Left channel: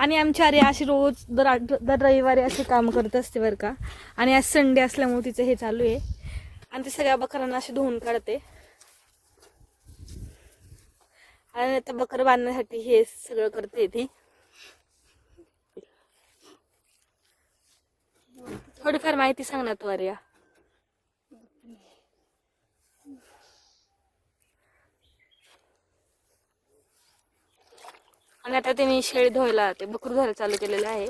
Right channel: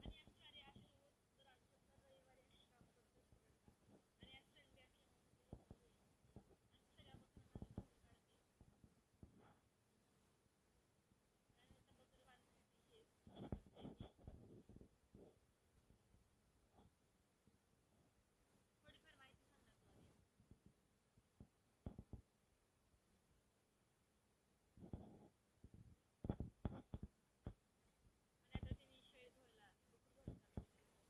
आणि आमची आर्या अशी रोज दर रविवारी असे काम करत असते बरं का. आणि आज संडे असल्यामुळे तिचं हे चालू आहे आणि ती सगळ्या बकरांना अशी धुवून काढते. आणि आता बकर बांधण्यासाठी हे सगळं करते ती. थोडीफार माहिती सांग ना तू आर्या. आणि आता तिने शेळी धुवायला ते बकरू धुवायला चालू केलेलं आहे.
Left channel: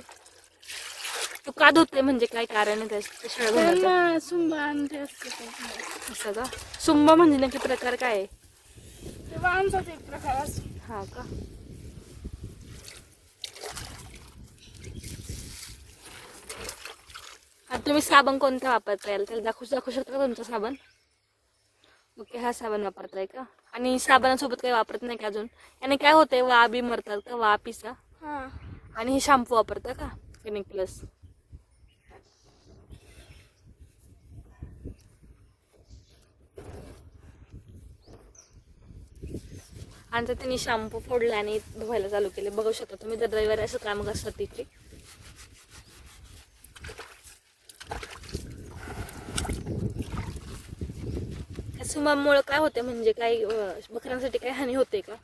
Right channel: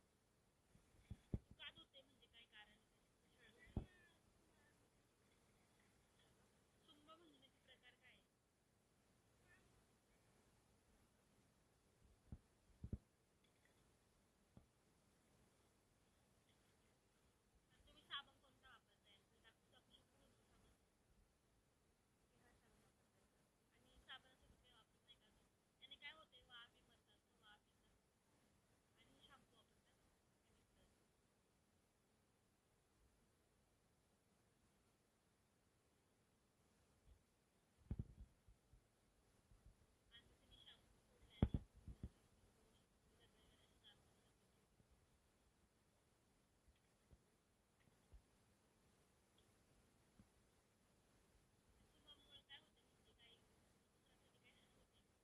तू का धुते म्हणजे काय कारण आहे त्या शेळ्या धुण्याचं? सुंबा आणि असं का? सुंबा म्हणजे नक्की प्रकार काय आहे? वांसाचा एक प्रकार असतो. हा का? आता तुम्ही साबण कोणता वापरता याल त्याला दाखवू शकता का तुमचा साबण? ओके, हा साबण वापरताय का? आणि साबणासोबत काही वापरत नाही का अजून? आणि काय होतंय, वा बी मरतात का, वा पिसा? आणि हे शॅम्पू वापरता का क्लिनिक प्लस? आणि तर त्यांनी शॅम्पू फोडला आणि धुवायला चालू केले. बघू शकता तुम्ही दर रविवारी असं काम असतात तिथे. सुमामुळे काय होते म्हणजे काही बकऱ्यांसाठी काही हानी होते का?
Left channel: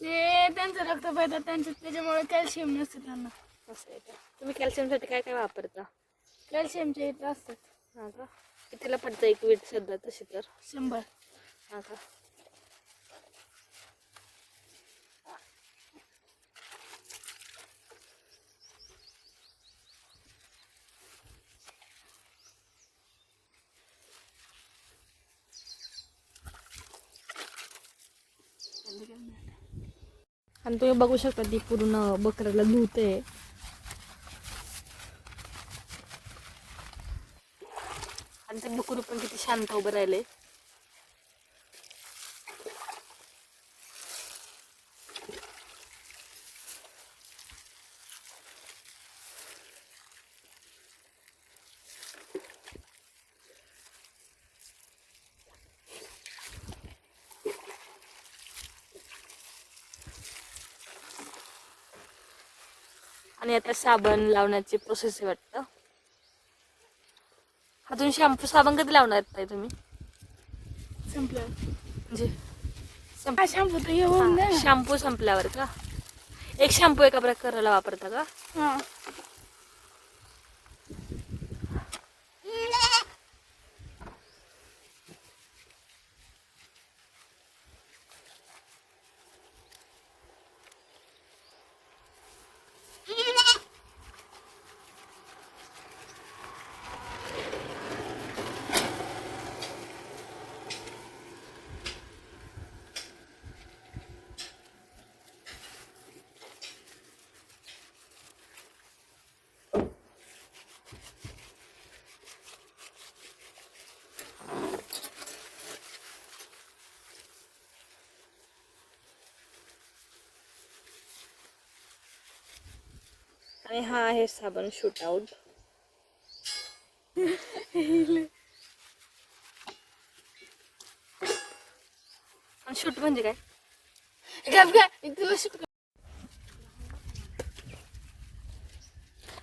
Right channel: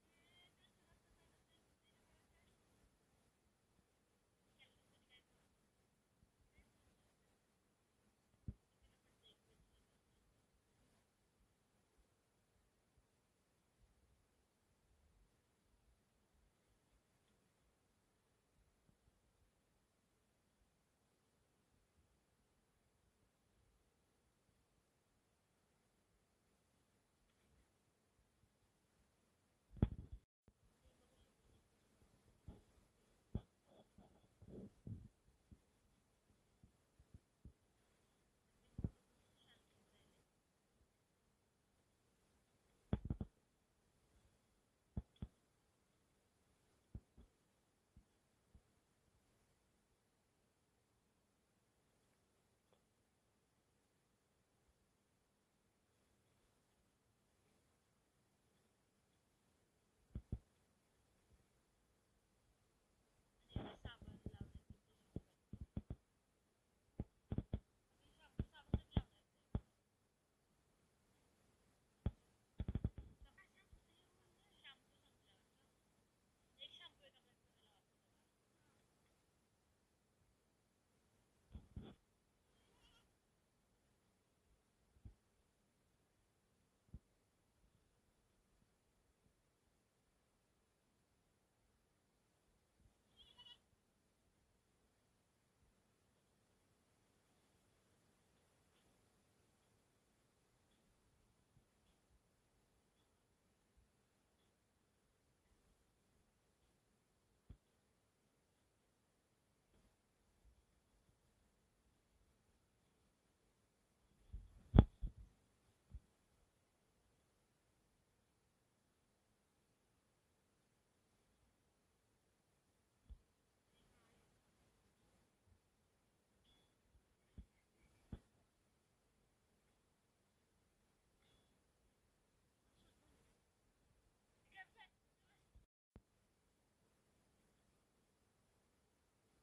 ते त्यांचं रक्त पाहतात त्याच्यामुळे कॅल्शियम नसते त्यांना. असं आहे का? तुम्ही कॅल्शियमसाठी काय काय वापरता? कॅल्शियमचे इथं असतात. हा का? कितीला पडतं एक वीट सध्या तशी तर? 100. हा का? आणि तुम्ही बघू शकता ती पूर्ण बकऱ्याला धुते. आणि ते बकरू पण किती शांत उभं राहिले. आणि आता साबण लावण्याची प्रोसेस आहे वाटतं. अजून शॅम्पू साबण कधी लावणार आहेत तुम्ही? संपलं म्हणजे शॅम्पू तर येऊन द्या. शॅम्पू संपल्यावर का? एक शॅम्पू एका प्रकाराला वापरता का? हा. आणि हा आहे साबण शूट आउट. शूट म्हणजे काय?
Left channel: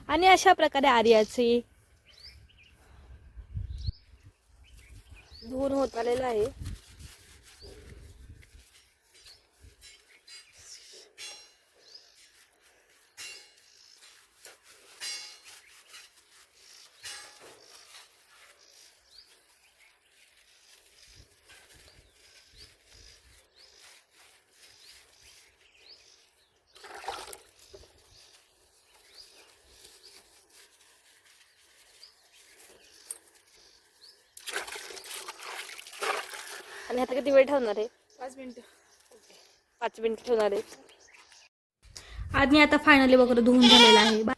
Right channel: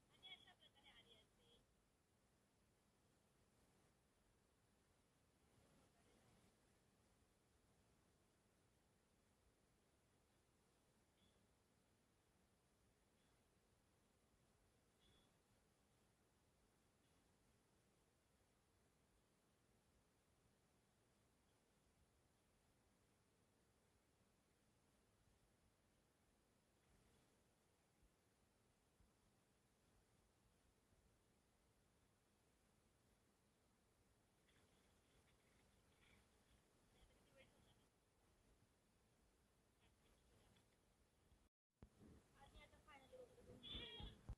आणि अशा प्रकारे आर्याचे धुवून होत आलेलं आहे. आणि आता किती वेळ ठेवणार आहे? 5 मिनिटं. 5 मिनिट ठेवणार आहे. आज मी आता फायनली वगैरे धुवून झालेला आहे.